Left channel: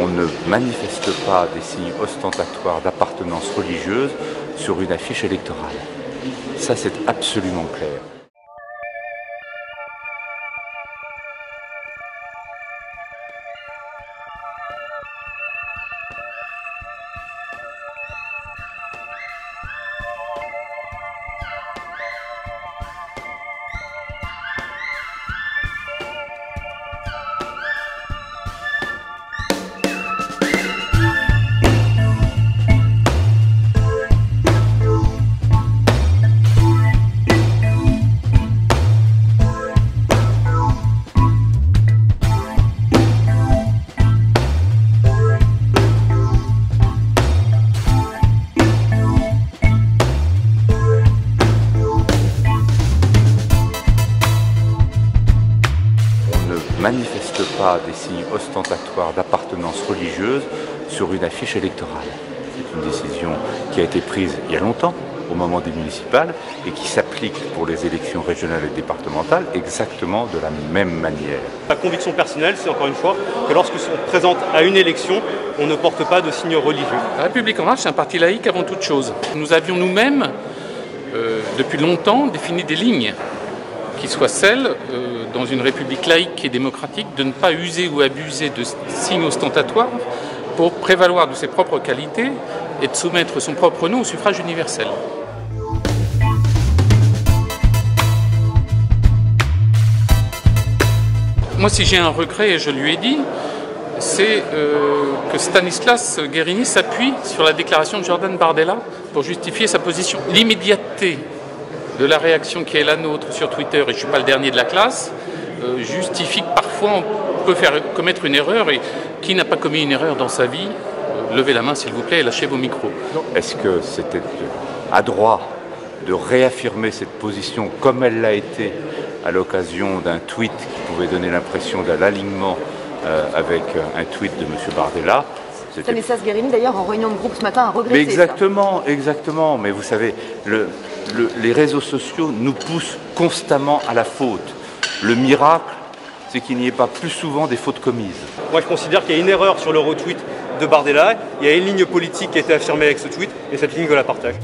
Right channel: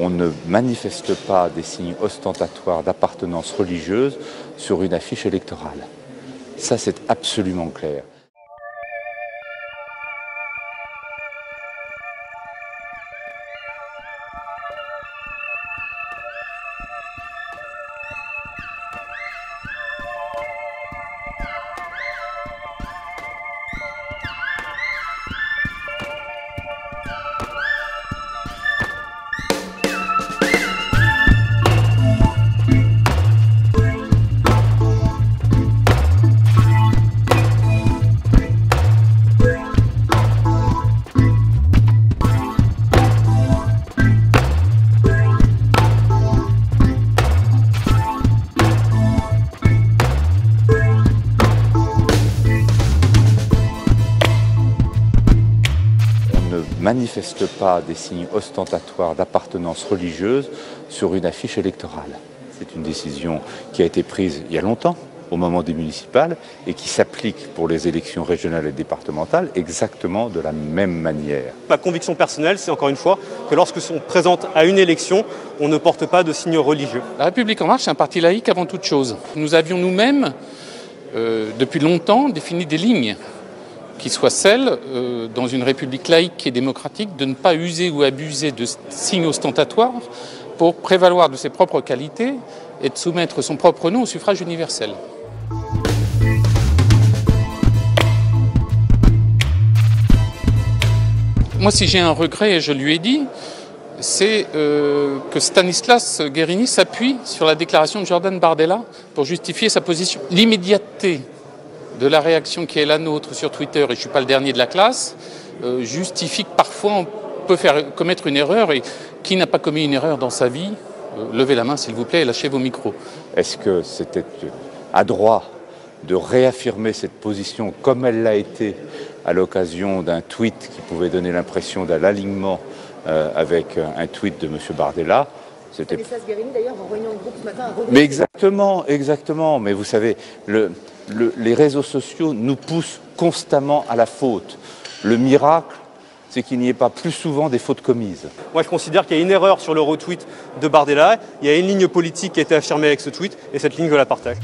On ne manifeste pas des signes ostentatoires d'appartenance religieuse sur une affiche électorale. Ça, c'est absolument clair. Manifeste pas des signes ostentatoires d'appartenance religieuse sur une affiche électorale. C'est une décision qui a été prise il y a longtemps, au moment des municipales, et qui s'applique pour les élections régionales et départementales exactement de la même manière. Ma conviction personnelle, c'est encore une fois que lorsque sont présente à une élection, on ne porte pas de signes religieux. La République En Marche, c'est un parti laïque avant toute chose. Nous avions nous-mêmes, depuis longtemps, défini des lignes qui soient celles, dans une république laïque et démocratique, de ne pas user ou abuser de signes ostentatoires pour prévaloir de ses propres qualités et de soumettre son propre nom au suffrage universel. Moi, si j'ai un regret, et je lui ai dit, c'est que Stanislas Guerini s'appuie sur la déclaration de Jordan Bardella pour justifier sa position. L'immédiateté de la réaction qui est la nôtre sur Twitter, et je ne suis pas le dernier de la classe, justifie que parfois on peut commettre une erreur, et qui n'a pas commis une erreur dans sa vie, levez la main s'il vous plaît et lâchez vos micros. Est-ce que c'était adroit de réaffirmer cette position comme elle l'a été à l'occasion d'un tweet qui pouvait donner l'impression d'un alignement avec un tweet de M. Bardella? Stanislas Guerini, d'ailleurs, en réunion de groupe ce matin, a regretté. Mais exactement, exactement. Mais vous savez, les réseaux sociaux nous poussent constamment à la faute. Le miracle, c'est qu'il n'y ait pas plus souvent des fautes commises. Moi, je considère qu'il y a une erreur sur le retweet de Bardella. Il y a une ligne politique qui a été affirmée avec ce tweet, et cette ligne, je la partage.